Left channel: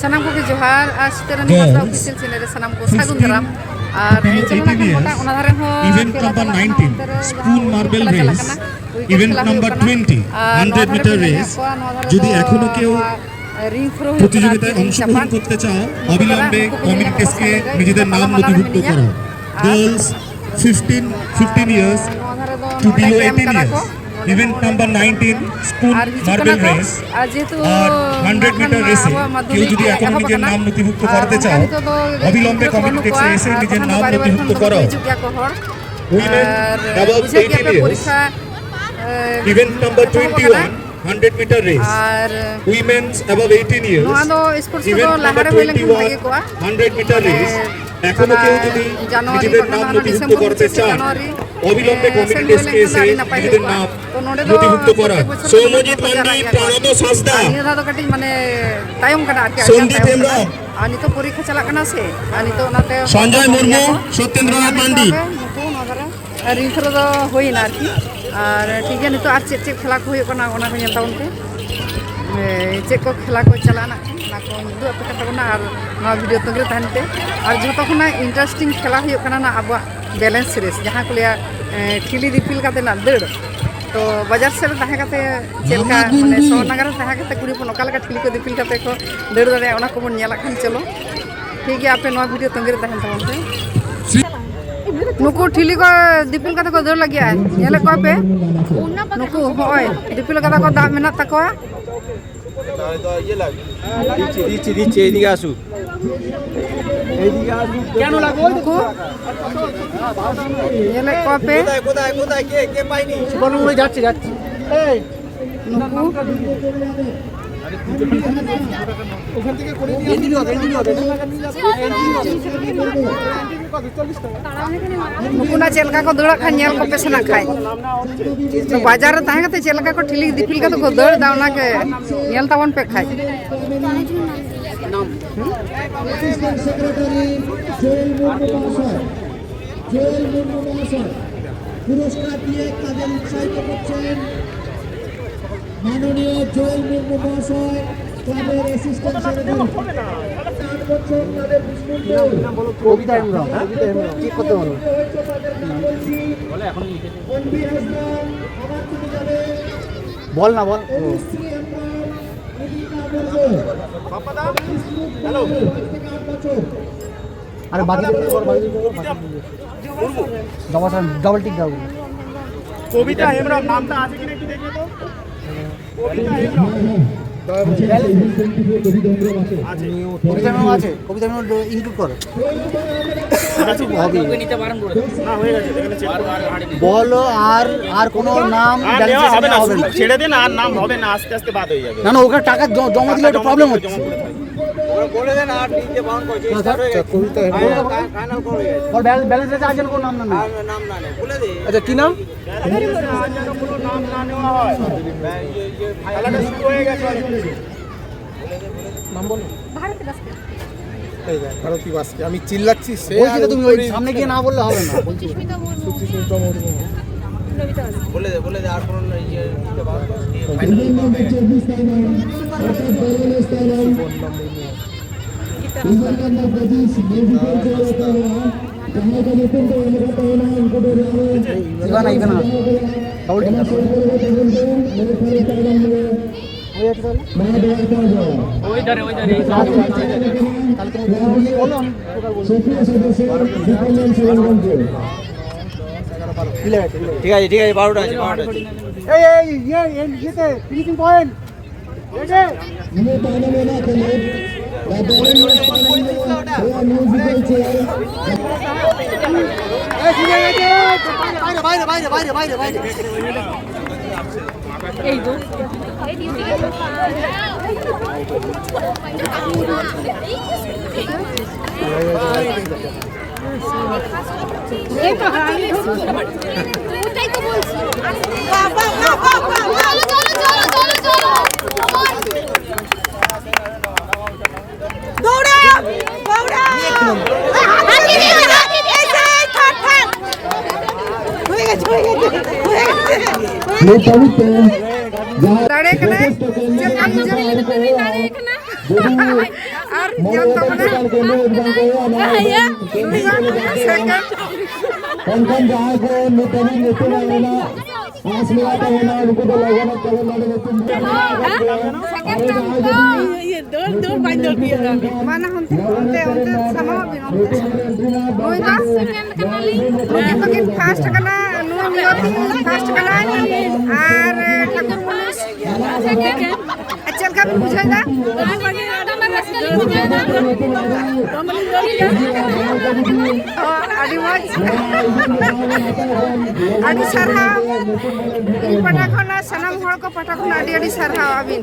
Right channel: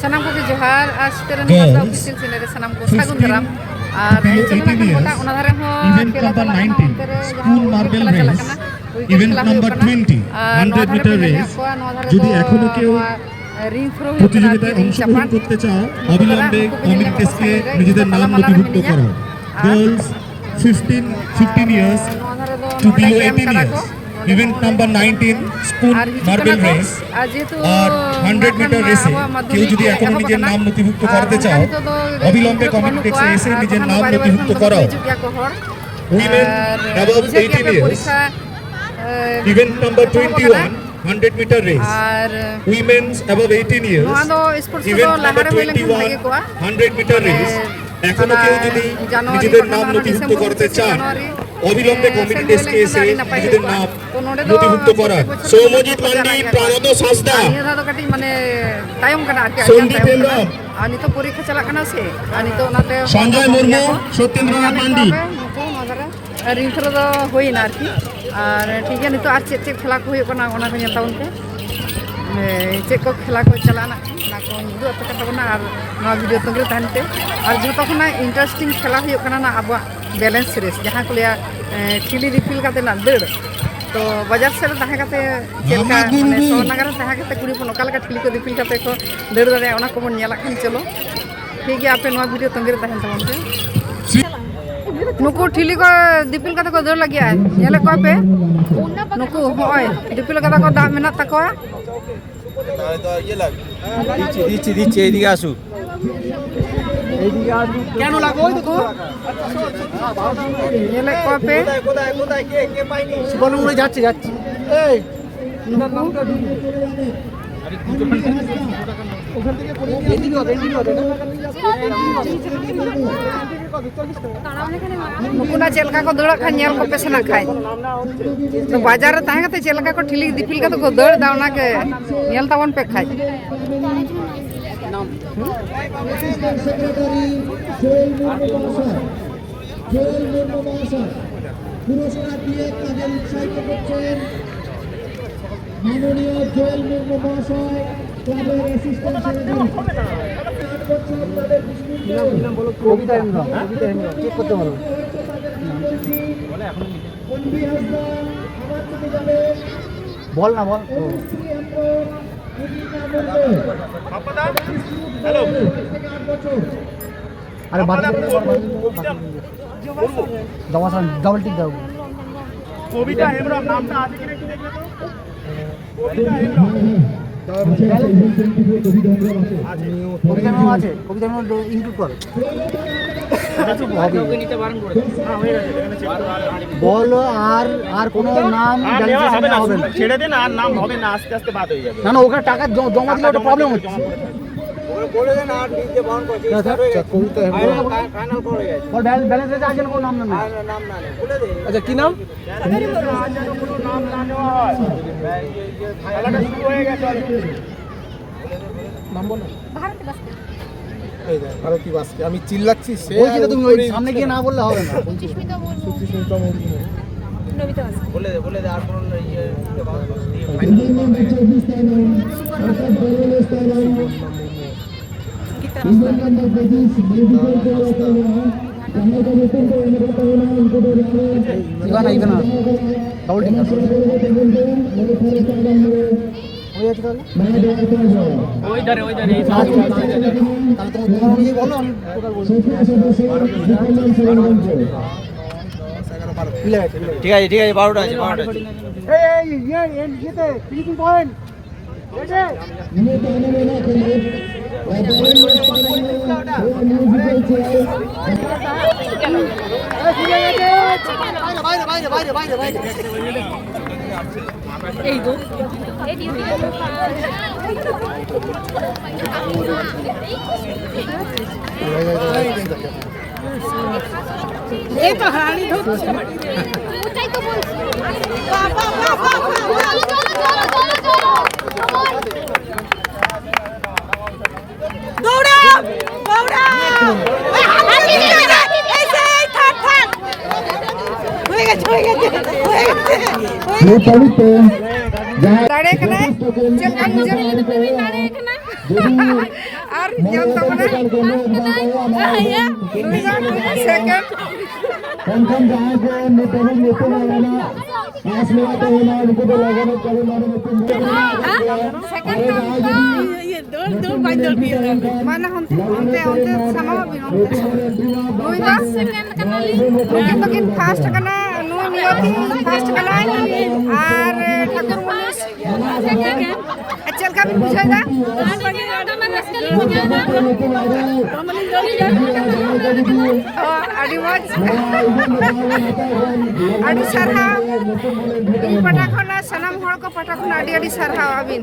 Sanam ko Johar as Peranimata official channel Sanam ko Sagun Daram আর event number 19 spoon marble race event number 20 100 meter race যদি এখনো কেউ প্রতিযোগিতায় অংশগ্রহণ করতে চাও অবিলম্বে কমিটি ডেস্কে নিজেদের নাম নথিভুক্ত করো girls 15 years to below 18 years event number 19 spoon marble race R 100 meter race কেউ যদি এখনো নিজের নাম নথিভুক্ত করতে চাও অবিলম্বে কমিটি ডেস্কে এসে নিজের নাম নথিভুক্ত করো women above 18 years event number 21 100 meter race women's above 18 years event number 21 100 meter race এখনো কেউ যদি নিজেদের নাম নথিভুক্ত করতে চান অবিলম্বে কমিটি ডেস্কে এসে নিজেদের নাম নথিভুক্ত করা সৌমজিৎ মান্ডি প্রাণত সাজদা মানে তায়ম কাটা আর সন্দীপ হেমব্রম আর নিতো পরীক্ষা চালাক কানা সে আর নিতো ওনাতে সঞ্জয় মুর্মু সত্যেন্দ্রনাথ মান্ডি আর রিন্থ্রো দো হইনা আর কি আর ঠিক আছে নিতো আর চেক খেলা কো হুᱭᱩᱜ ᱠᱟᱱᱟ ᱚᱱᱟ ᱠᱚ ᱧᱮᱞ ᱛᱟᱵᱚᱱ ᱯᱮ ᱪᱮᱫ ᱠᱚ ᱠᱷᱮᱞᱟ ᱠᱚ ᱪᱟᱞᱟᱜᱼᱟ ᱚᱱᱟ ᱠᱚ ᱩᱫᱩᱜ ᱟᱯᱮ ᱠᱟᱱ ᱛᱟᱵᱚᱱᱟ ᱟᱨ ᱱᱚᱣᱟ ᱵᱷᱤᱰᱤᱭᱳ ᱛᱚᱸᱜᱮ ᱛᱟᱦᱮᱱ ᱯᱮ ᱟᱨ ᱡᱷᱚᱛᱚ ᱠᱷᱚᱱᱟᱜ ᱤᱱᱴᱟᱨᱮᱥᱴᱤᱝ ᱠᱷᱮᱞᱟ ᱦᱩᱭᱩᱜ ᱠᱟᱱᱟ ᱱᱟ ᱟᱵᱚᱣᱟᱜ ᱵᱮᱞᱮন্স ᱨᱮᱥ ᱡᱟᱦᱟᱸ ᱠᱚ ᱞᱟᱹᱭᱟ ᱴᱷᱤᱞᱤ ᱫᱤᱯᱤᱞ ᱠᱟᱛᱮ ᱱᱟ ᱫᱟᱹᱲ तो बाजार से तहे काते चेलका माने शहर नगर तहे काते कुड़ी पन ओका लगा ठिली को दिपिल काते को दड़ दड़े ओना को बन नेला खान चलो ठीक है आपे नवा वीडियो तंगेर तहन तमन पे नुकु ठिली को दिपिल काते को दड़ लगिया नेले को पे नुकु होय दिपिल काते को दा मेना तकवा দিচ্ছি এদিকে আসুন কেন লাগো নুকু নেলে को पे কোথায় কে পাইনি বলুন ওই যাচ্ছি এই নুকু ওখান থেকে করে नुकु ना चेलका को दड़ा खान नेल को पे सना खाय तो बाजार रे तहे काते चेलका को ठिली दिपिल काते को दड़ दा ओना के नेल तावन पे खाय মাননীয় জয়েল মুর্মু মহাশয় ক্লাবের অ্যাসিস্ট্যান্ট কবিতা হেমব্রম কি করতে বলো বলে এখন বল না বল হ্যালো আরে বাদ ডবল টিক দাও কবিতা হেমব্রম নামটা আছে কিনা একটু দেখে দাও কবিতা হেমব্রম আছে কবিতা হেমব্রম ইনক্লুড করো বলো আর কোনো নাম হবে না ছেড়ে দিন আর নাম হবে না আস্তে আস্তে বাদ হয়ে যাবে না না ওখানে টাকা জমা দিলে একটা প্রবলেম হচ্ছে বলে দেন আর নিতে বাউন্ড করছে কবিতা ফাইনাল করে গেছে ওর ব্যালেন্স আছে আগে কোনো নাম না নাম না বলে দে আচ্ছা কি নাম খেলাটা শুরু হয়ে গেছে নাম বলো ভারতে বাস ভারতী বাসকে আমি চিল্লাচ্ছি বলছি তো তুমি ওই সামনে গিয়ে না বললে হবে না বলছি বলে দে আর কোনো ইয়ে ঠিক আছে 12টা আছে ফিনিশিং পয়েন্ট বাইরে এই তো এই তো হানি ওটাই তো বলছি দৌড়া দৌড়া হয়ে গেছে দাঁড়িয়ে কেন আর যেন তারপরে second Konkan jahat ko nitawin nito na na asli ata na uनको तो लोगों ने कभी मारे तुम mana honte sama bin honte nui da nukin bakin fast kana nui miyoti fast kana ar Thakur मुनिस achal ka bin bujhai da adi moj adi sarha ini pata khona sanam hor ko pata khona adi sarha abin